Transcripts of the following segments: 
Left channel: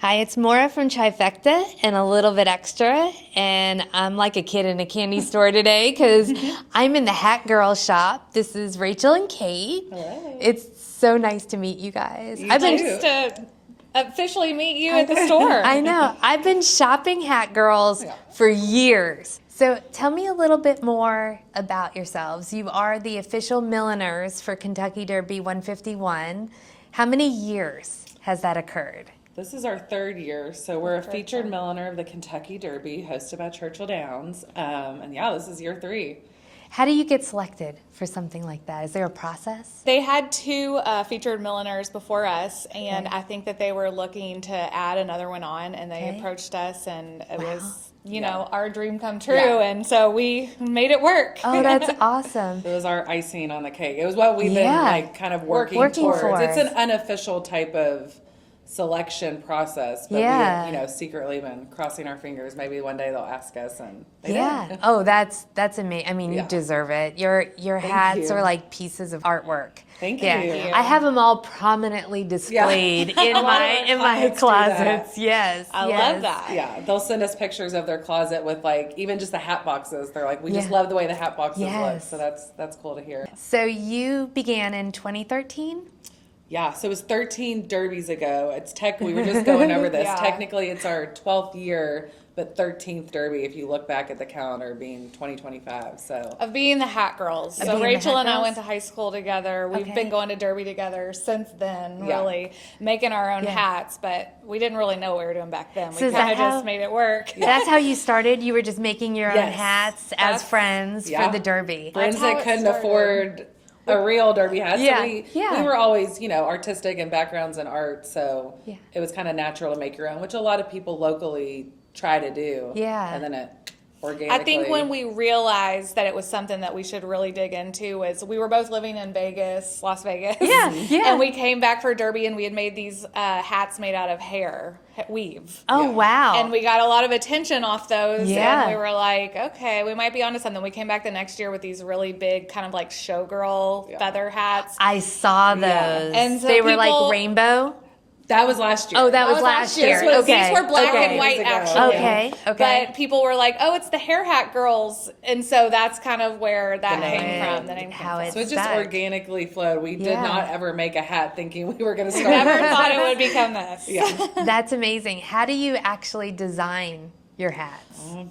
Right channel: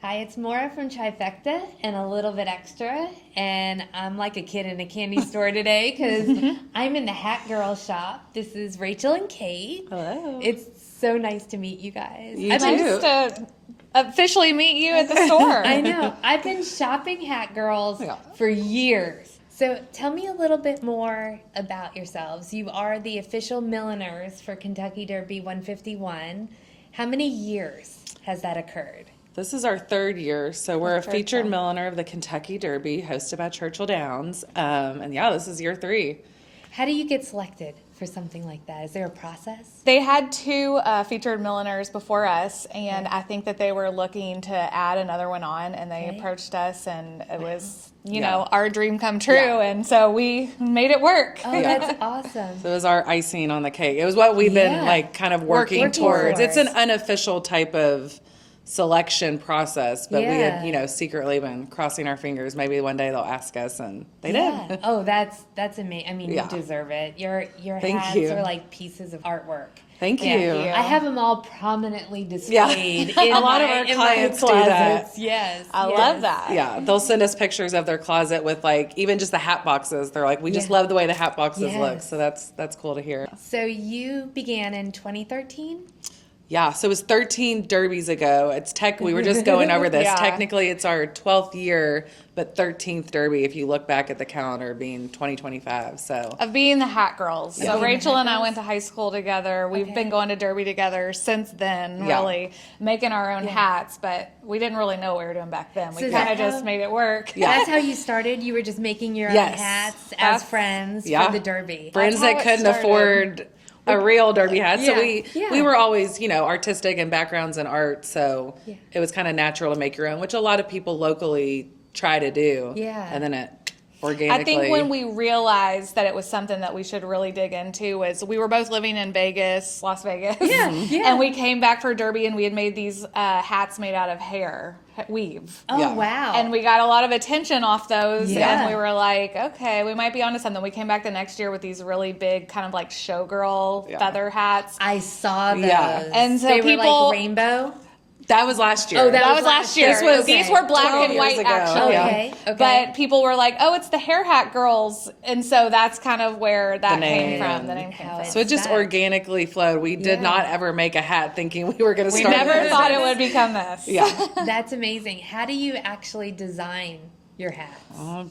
Hi, it's Maura from Trifecta and a little bit extra, and I'm like a kid in a candy store today because I'm in the Hat Girl shop. This is Rachel and Kate. Hello. It's so nice to meet you guys. I've been Just to officially meet you at the store. I know. I've been shopping Hat Girls for years. So tell me a little bit more about yourselves. You are the official milliners for Kentucky Derby 151. How many years has that occurred? This is our third year, so we're a featured milliner of the Kentucky Derby, hosted by Churchill Downs. And yeah, this is year 3. How do you get selected for something like that? Is there a process? They had 2 featured milliners before us, and I think that they were looking to add another one on, and they approached us, and it was, you know, our dream come true, and so we made it work. Oh, that's awesome. So it was our icing on the cake. It was what we've been like kind of working towards. for. It's an unofficial type of selection process, but we had, you know, secretly been crossing our fingers. Maybe one day they'll ask us, and they did. Oh, that's amazing. I mean, you deserve it. Your hats are like pieces of artwork. Thank you. I have them all prominently displayed in my closets. Yes, I love that. Yeah, they'll send us pictures of their closet with like even just the hat boxes. They're like, we just love the way the hat boxes look. So that's cool to hear. So you began in 2013? Yeah, so it was 13 derbies ago. We were just going over this. Technically, it's our 12th year, but 13th derby if you look back at the calendar being 2025. So Of being the Hat Girls. So Rachel and I went to high school together. We've been going to Derby together since then, really, making our own hats, but we didn't really know what we were doing back then. We kind of just made it work. That's how you started? You were just making your own hats as friends for the Derby? Friends that couldn't afford a real derby hat. So we were always, you know, artistic and backgrounds in art, so it was kind of natural to make your own, which a lot of people locally try to do. Yeah. And then it organically. I think when we realized that it was something that we should really dig into was we were both living in Las Vegas. And we came back for Derby, and we had made these hats made out of hair weave. Oh, wow. And we got a lot of attention off those, and we were like, okay, we might be onto something. We came back the next year with these really big kind of like showgirl feather hats. I saw those. And so they were like rainbow? That was last year. Oh, that was last year. These were black and white, actually. Okay. But people were like, oh, it's the Hair Hat Girls. And so that's kind of where that came from. The name came from. So it just organically flowed. We did not ever make a hat thinking we were going to start. We never thought it would become this. That's amazing. How do you actually design your hats? A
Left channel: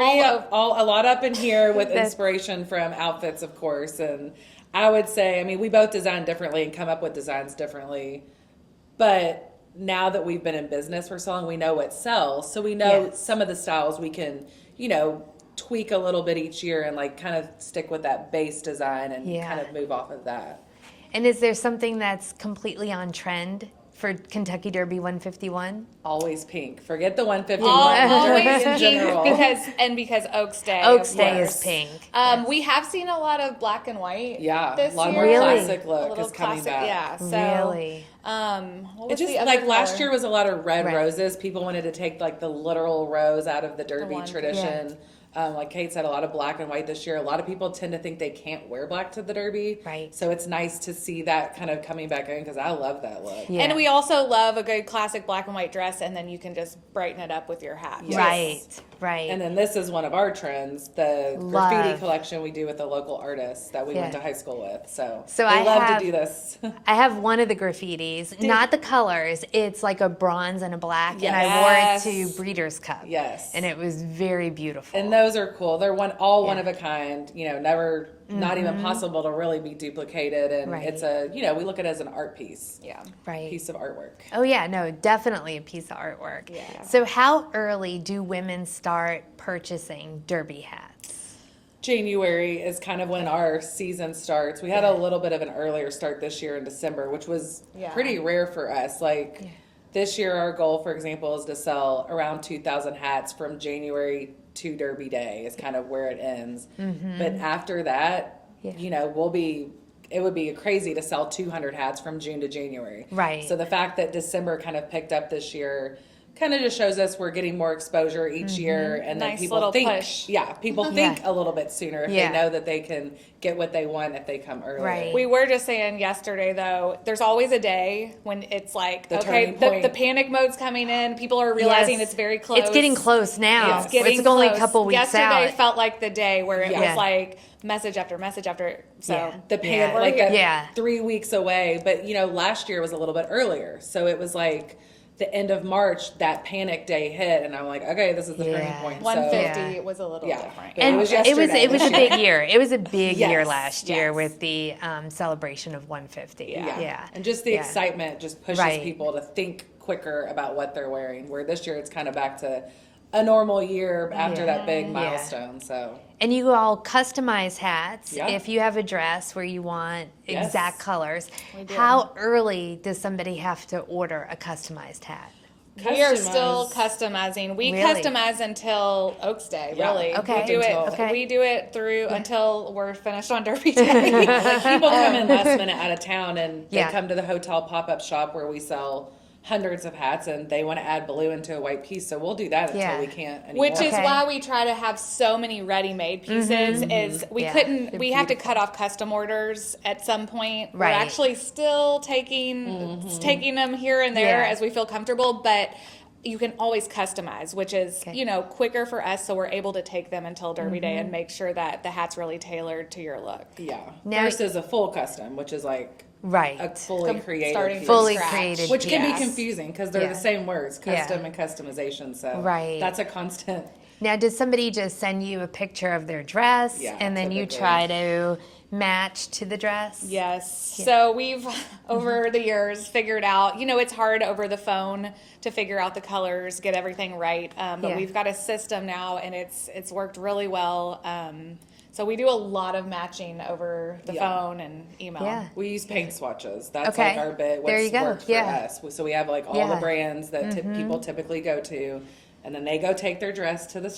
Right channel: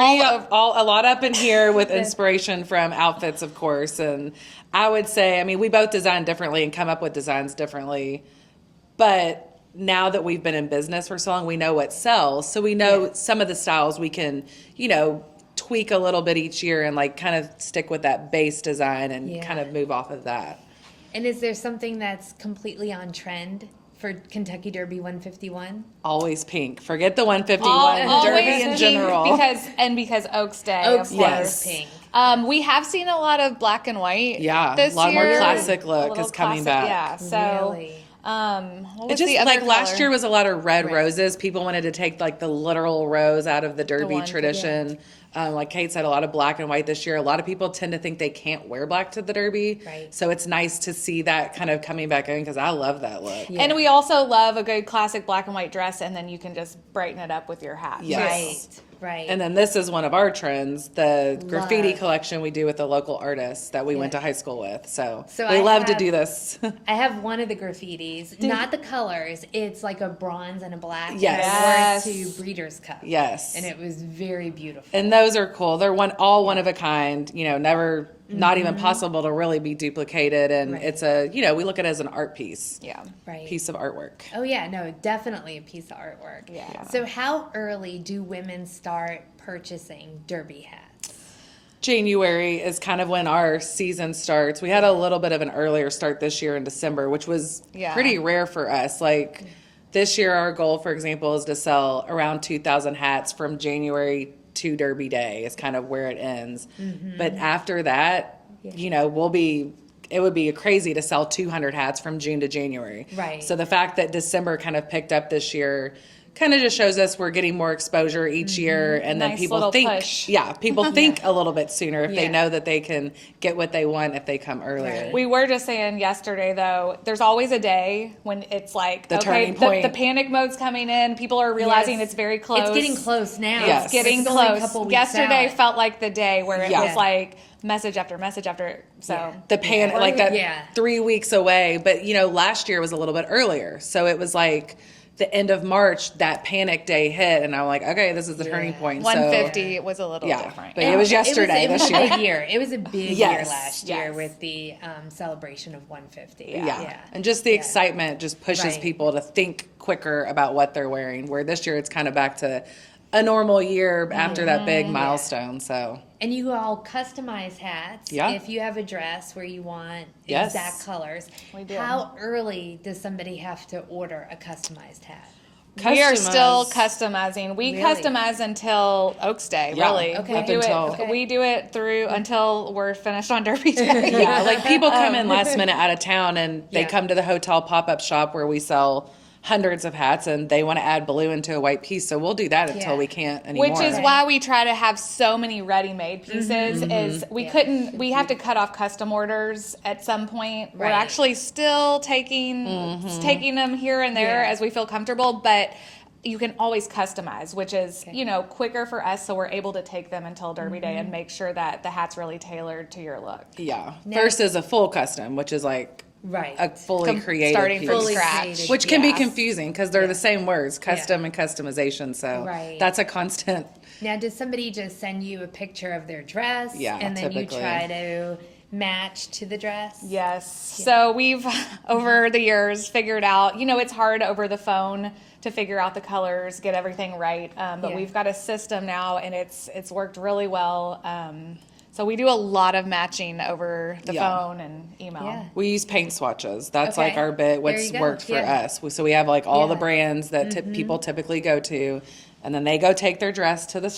lot up in here with inspiration from outfits, of course. And I would say, I mean, we both design differently and come up with designs differently. But now that we've been in business for so long, we know what sells. So we know some of the styles we can, you know, tweak a little bit each year and like kind of stick with that base design and kind of move off of that. And is there something that's completely on trend for Kentucky Derby 151? Always pink. Forget the 151 Derby in general. Because Oaks Day. Oaks Day is pink. We have seen a lot of black and white. This year. A lot more classic look is coming back. Yeah. So. Really? What it just like last year was a lot of red roses. People wanted to take like the literal rose out of the Derby tradition. Like Kate said, a lot of black and white this year. A lot of people tend to think they can't wear black to the Derby. Right. So it's nice to see that kind of coming back in because I love that look. Yeah. And we also love a good classic black and white dress, and then you can just brighten it up with your hat. Yes. Right. And then this is one of our trends, the graffiti collection we do with the local artists that we went to high school with. So we love to do this. I have one of the graffitis, not the colors. It's like a bronze and a black. Yes. And I wore it to Breeders' Cup. Yes. And it was very beautiful. And those are cool. They're one of a kind, you know, never, not even possible to really be duplicated. And it's we look at it as an art piece. Yeah. Piece of artwork. Oh, yeah, no, definitely a piece of artwork. Yeah. So how early do women start purchasing Derby hats? January is kind of when our season starts. We had a little bit of an earlier start this year in December, which was pretty rare for us. Like this year, our goal, for example, is to sell around 2,000 hats from January to Derby Day is kind of where it ends. But after that, you know, it would be crazy to sell 200 hats from June to January. Right. So the fact that December kind of picked up this year kind of just shows us we're getting more exposure each year, and then Nice people little think, push. people think a little bit sooner if they Yeah. know that they can get what they want if they come earlier. Right. We were just saying yesterday, though, there's always a day when it's like, The turning point. the panic mode's coming in. People are realizing Yes. it's very close. It's getting close now. Yes. It's getting it's close. only a couple weeks Yesterday out. felt like the day where it Yeah. was like message after message after. So Yeah. The panic, like that Yeah. 3 weeks away. But, last year was a little bit earlier. So it was like the end of March, that panic day hit. And I'm like, okay, this is the turning point. 150 was a little different. But it was yesterday. It was this a year. big year. It was a big year Yes. last year Yes. with the celebration of 150. Yeah. And just the excitement just pushes Right. people to think quicker about what they're wearing. Where this year it's kind of back to a normal year after that big milestone. So And you all customize hats. Yeah. If you have a dress where you want Yes. exact colors, We do. how early does somebody have to order a customized hat? We are still Customize. customizing. We Really? customize until Oaks Day, Yeah. really. Okay. We do Until- it. Okay. We do it through until we're finished on Derby Day. yeah, like people come in last minute out of town and they Yeah. come to the hotel pop-up shop where we sell hundreds of hats and they want to add blue into a white piece. So we'll do that until Yeah. we can't anymore. Which is Okay. why we try to have so many ready-made pieces. Is we Yeah. couldn't. We have to cut off custom orders at some point. Right. We're actually still taking them here and there Yeah. as we feel comfortable, but you can always customize, which is quicker for us, so we're able to take them until Derby Day and make sure that the hat's really tailored to your look. Yeah. Now- Versus a full custom, which is like Right. a fully created starting piece. from Fully scratch. created. Which can be piece. confusing because they're Yeah. the same words, custom and customization. So Right. that's a constant. Now, does somebody just send you a picture of their dress Yeah, and then you typically. try to match to the dress? Yes. So we've, over the years, figured out, it's hard over the phone to figure out the colors, get everything right. But Yeah. we've got a system now, and it's worked really well. So we do a lot of matching over the Yeah. phone and email. Yeah. We use paint swatches. That's Okay. like our bit, There what's you go. worked for Yeah. us. So we have like all the Yeah. brands that people typically go to, and then they go take their dress to the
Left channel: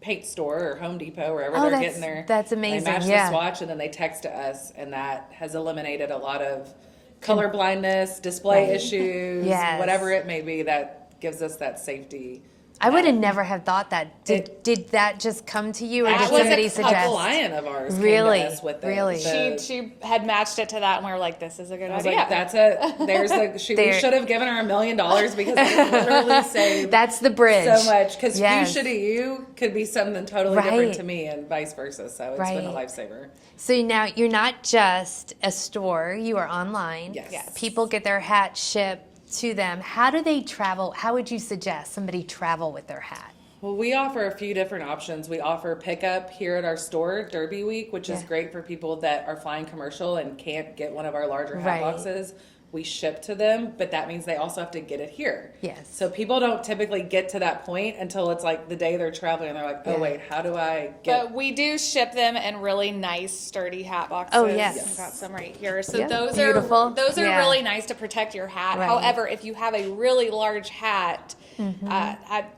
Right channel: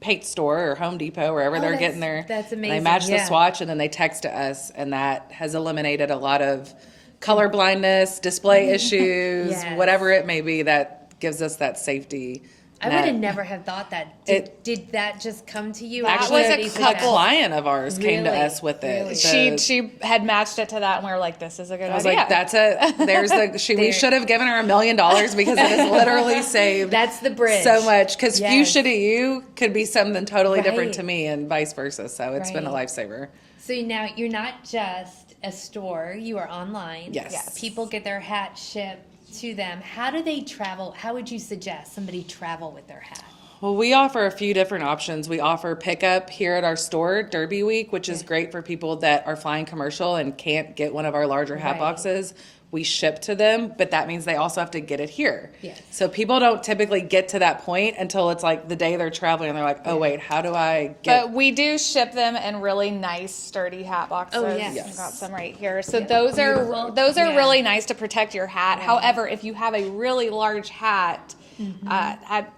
paint store or Home Depot, wherever Oh, they're that's- getting their. that's amazing, They match yeah. the swatch, and then they text to us, and that has eliminated a lot of color blindness, display issues, Yes. whatever it may be. That gives us that safety. I would have net. never have thought that. Did that just come to you? Or That did was a somebody couple suggest? client of ours came Really? to us with it. Really? She had matched it to that, and we were like, "This is a good I was idea." like, that's it. There's the. We There. should have given her $1 million because it has literally saved That's the bridge. so much. Because Yes. fuchsia to you could be something totally different Right. to me, and vice versa. So it's been a Right. lifesaver. So now you're not just a store, you are online. Yes. Yes. People get their hat shipped to them. How do they travel? How would you suggest somebody travel with their hat? Well, we offer a few different options. We offer pickup here at our store, Derby Week, which is Yeah. great for people that are flying commercial and can't get one of our larger hat Right. boxes. We ship to them, but that means they also have to get it here. Yes. So people don't typically get to that point until it's like the day they're traveling and they're like, oh, wait, how do I get. But we do ship them in really nice, sturdy hat boxes. Oh, yes. I've got some right here. So Yeah. those Beautiful. are Yeah. really nice to protect your hat. Right. However, if you have a really large hat,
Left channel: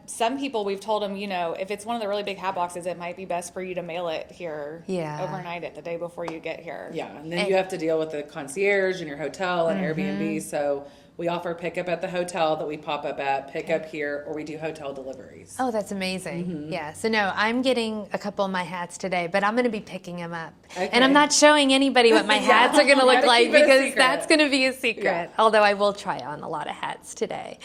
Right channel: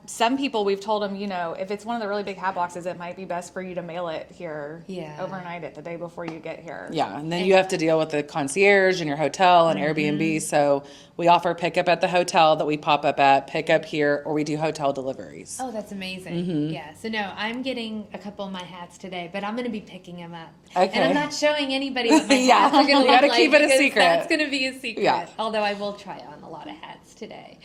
some people we've told them, if it's one of the really big hat boxes, it might be best for you to mail it here overnight it the day before you get here. Yeah, and then you have to deal with the concierge and your hotel and Airbnb. So we offer pickup at the hotel that we pop up at, pickup here, or we do hotel deliveries. Oh, that's amazing. Yeah. So no, I'm getting a couple of my hats today, but I'm going to be picking them up. Okay. And I'm not showing anybody what my Yeah. hats are going to You look gotta like keep it a because secret. that's going to be a secret. Yeah. Although I will try on a lot of hats today.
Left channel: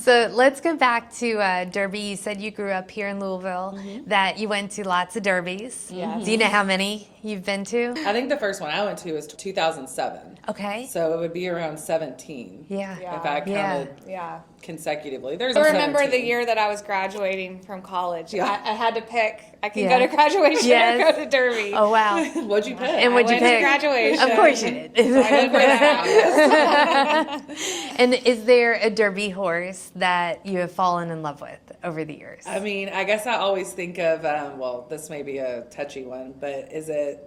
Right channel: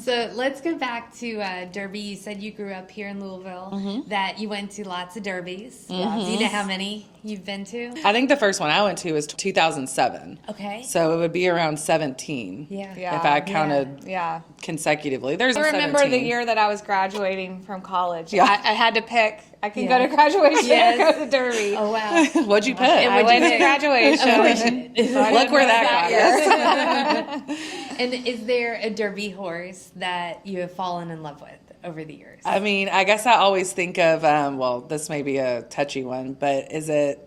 So let's go back to Derby. You said you grew up here in Louisville, that you went to lots of Derbies. Do you know how many you've been to? I think the first one I went to was 2007. Okay. So it would be around 17. Yeah. If I counted Yeah. consecutively. There's I remember 17. the year that I was graduating from college. Yeah. I had to pick. I can Yeah. go to graduation Yes. or go to Derby. Oh, wow. What'd you pick? And I what'd you went to pick? graduation. Of course you did. Look where that is. And is there a Derby horse that you have fallen in love with over the years? I mean, I guess I always think of, well, this may be a touchy one, but is it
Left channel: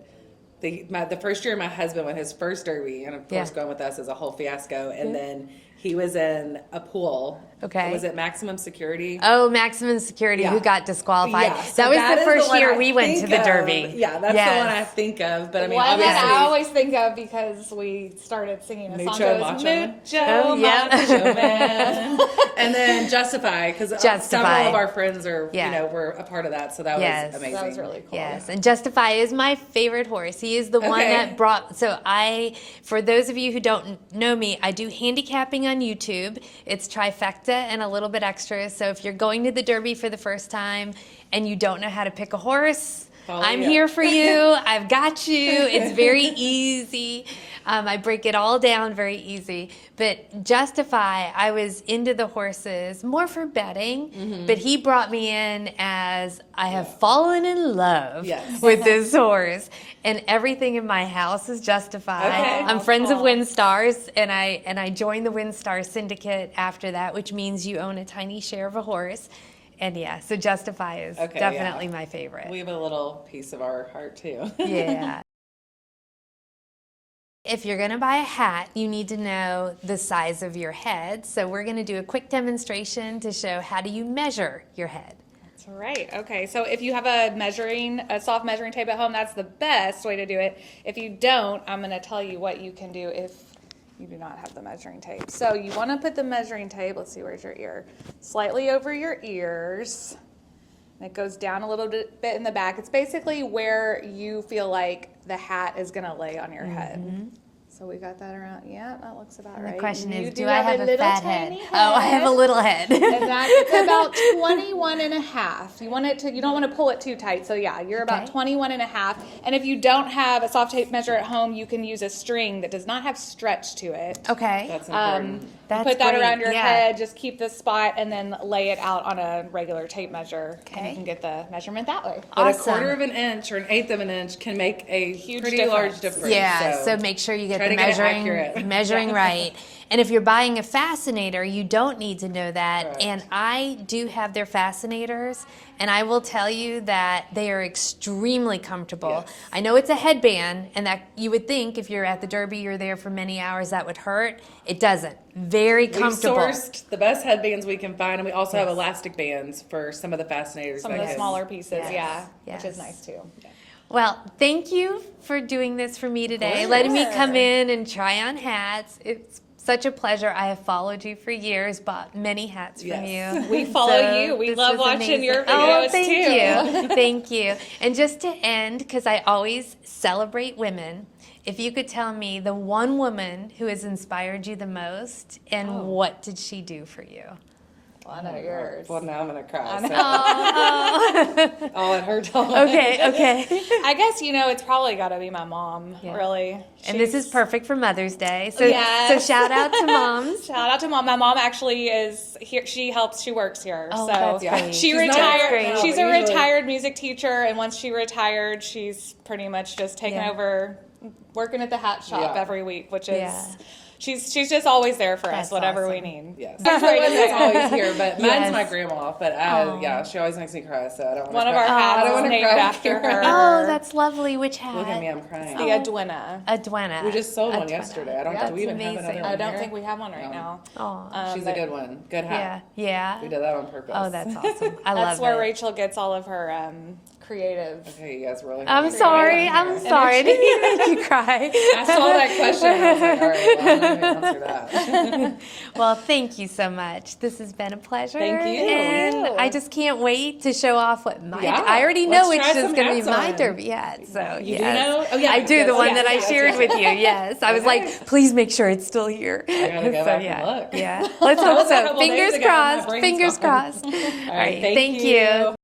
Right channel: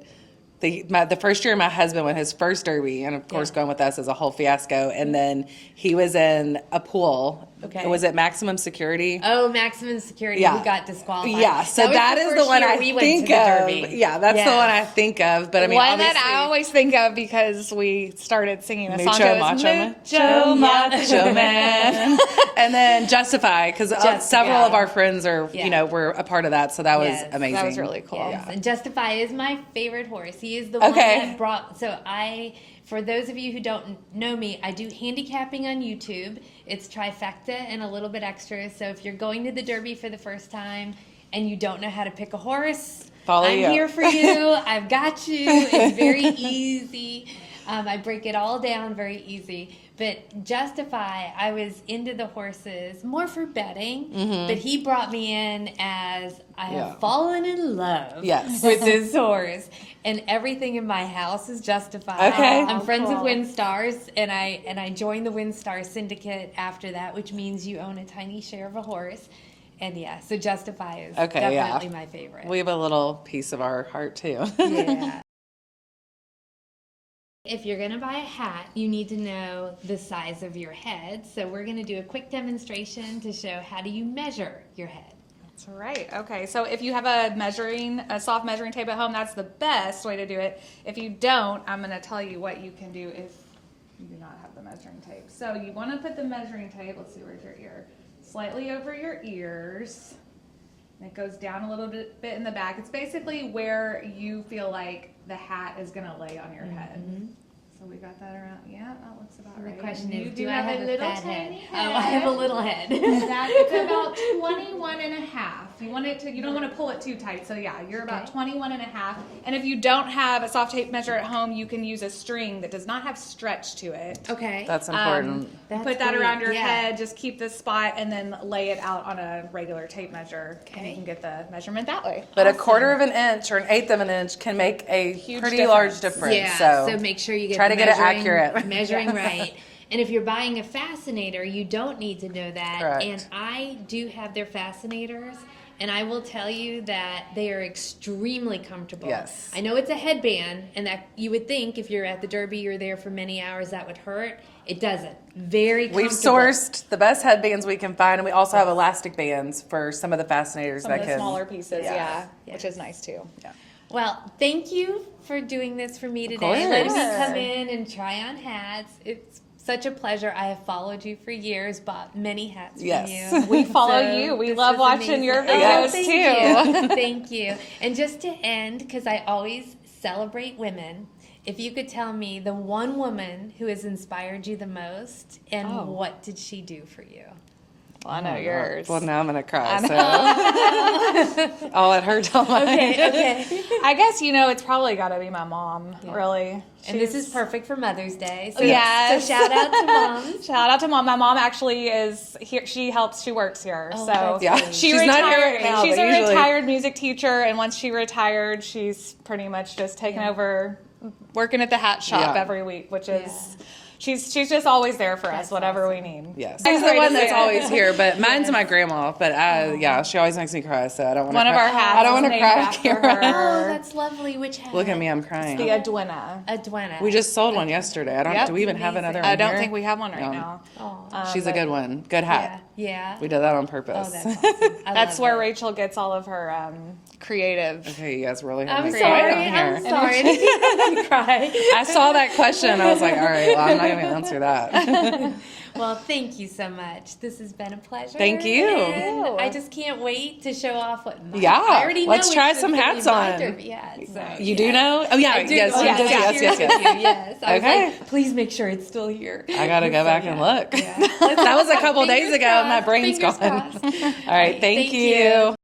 the first year my husband went his first Derby, and of course Yeah. going with us is a whole fiasco, and then he was in a pool Okay. Was it Maximum Security? Oh, Maximum Security, who got disqualified. Yeah, so that was the first one year I we went to think the of. Derby. Yeah, that's the one I think of. But I mean, One obviously, that I always think of because we started singing a song. Mucho It was Macho Macho Man. And then Justify, because several of our friends are, were a part of that, so that was amazing. That was really cool. Yes, and Justify is my favorite horse. He is the one that brought, for those of you who don't know me, I do handicapping on YouTube. It's trifecta and a little bit extra. So if you're going to the Derby for the first time and you don't know how to pick a horse, I'm here for you. I've got you. It's very easy. I break it all down very easy. But Justify, I was into the horses more for betting, but he brought me in as I have fallen in love with this horse. And everything in my house is Justify. I'm friends of WinStars, and I joined the WinStar Syndicate after that, which means you own a tiny share of a horse. And so Justify is definitely my favorite. We have a little piece of our heart too. Yeah. If you're going to buy a hat, you need to know the size of your head. So we're going to do a quick demonstration to show how do you measure your head. That's right. Okay, so if you have a soft measuring tape at home, that's the best way to do it. If you don't, I'm going to tell you what you can do if you do not have the measuring tape. So you want to put the measuring tape, let's see, where's your ear? Slightly over your ears. And it goes down a little bit in the back. It's basically where you feel like the hat is going to lay on your head. So we got that around. Yeah, that looks about right. The question is, you do I have a little fat tiny head? Oh, I have a little head. And it's about 21 and a half. You don't want to pull it too tight. So yeah, you're about 21 and a half. And if you don't have a soft tape measure at home, you can use a string that does not have stretch to it. Okay. That's important. You put that around your head, just keep the spot, and then lay it out on a regular tape measure. And you can get the measurement that way. But a quarter of an inch or an eighth of an inch can make a pretty large difference. Yeah, so make sure you get measuring right. And if you're buying a fascinator, you don't need to know that. Correct. And I do have their fascinators, and I will tell you that they are extremely comfortable. Yes. I know it's a headband, and that you would think if you're at the Derby, you're there for many hours, that would hurt. It doesn't. Very comfortable. We've sourced the best headbands we can find, and we also have elastic bands for some of the fascinators. Some of the smaller pieces, which is nice too. Yeah. Well, thank you for doing this for me today, letting me come in and try on hats. It's such a pleasure. I have followed you for years, bought many hats from you. We follow you. We love watching your videos thank too. You. Thank you. And just to end, because I always celebrate women, if you could tell me the one woman who has inspired you the most, and what did she do for you? Well, I know yours. Well, now I'm going to cry, so I'll let her tell me. Okay. I guess, it's probably got to be my mom, really. And this is perfect for Mother's Day. So, yes. So shout out to moms. Shout out to mom. My mom actually is here. She works here. Oh, so that's she's retired. Now, she's a retired music teacher, and once she retired, she's pretty much just taken over working at the hat shop every week, which is... She's just always there for us, whatever we need. Yes. She's the one that's always here, but mine's my grandma. But she always makes me cry, so I don't want to cry. One of our hats I don't want to cry after her. Oh, that's lovely. Which hat? Look at me, I'm crying. The Adwina. Adwina. We just sold one yesterday. Do we even have another one I don't here? think we have one right now. She's a good one. Good hat. Yeah. We did that on purpose. Oh, that's awesome. That's where Rachel gets all of her creative. Okay, you guys really I'm sorry. I didn't make you cry. I saw that question and I was like, all right, well, I'm not even going to answer that. Well, thank you so much. This has been a pleasure. Thank you. And I just can't wait to show off what my I already know let's which try is some going to hats be my on. Derby hat. So, You do know? Oh, yeah. I do, the one that I shared with you. Yes. I was like, please make sure it's still here. I got to go back and look. Yeah. That was a couple days ago. My brain's Fingers gone. crossed. All right. Thank you.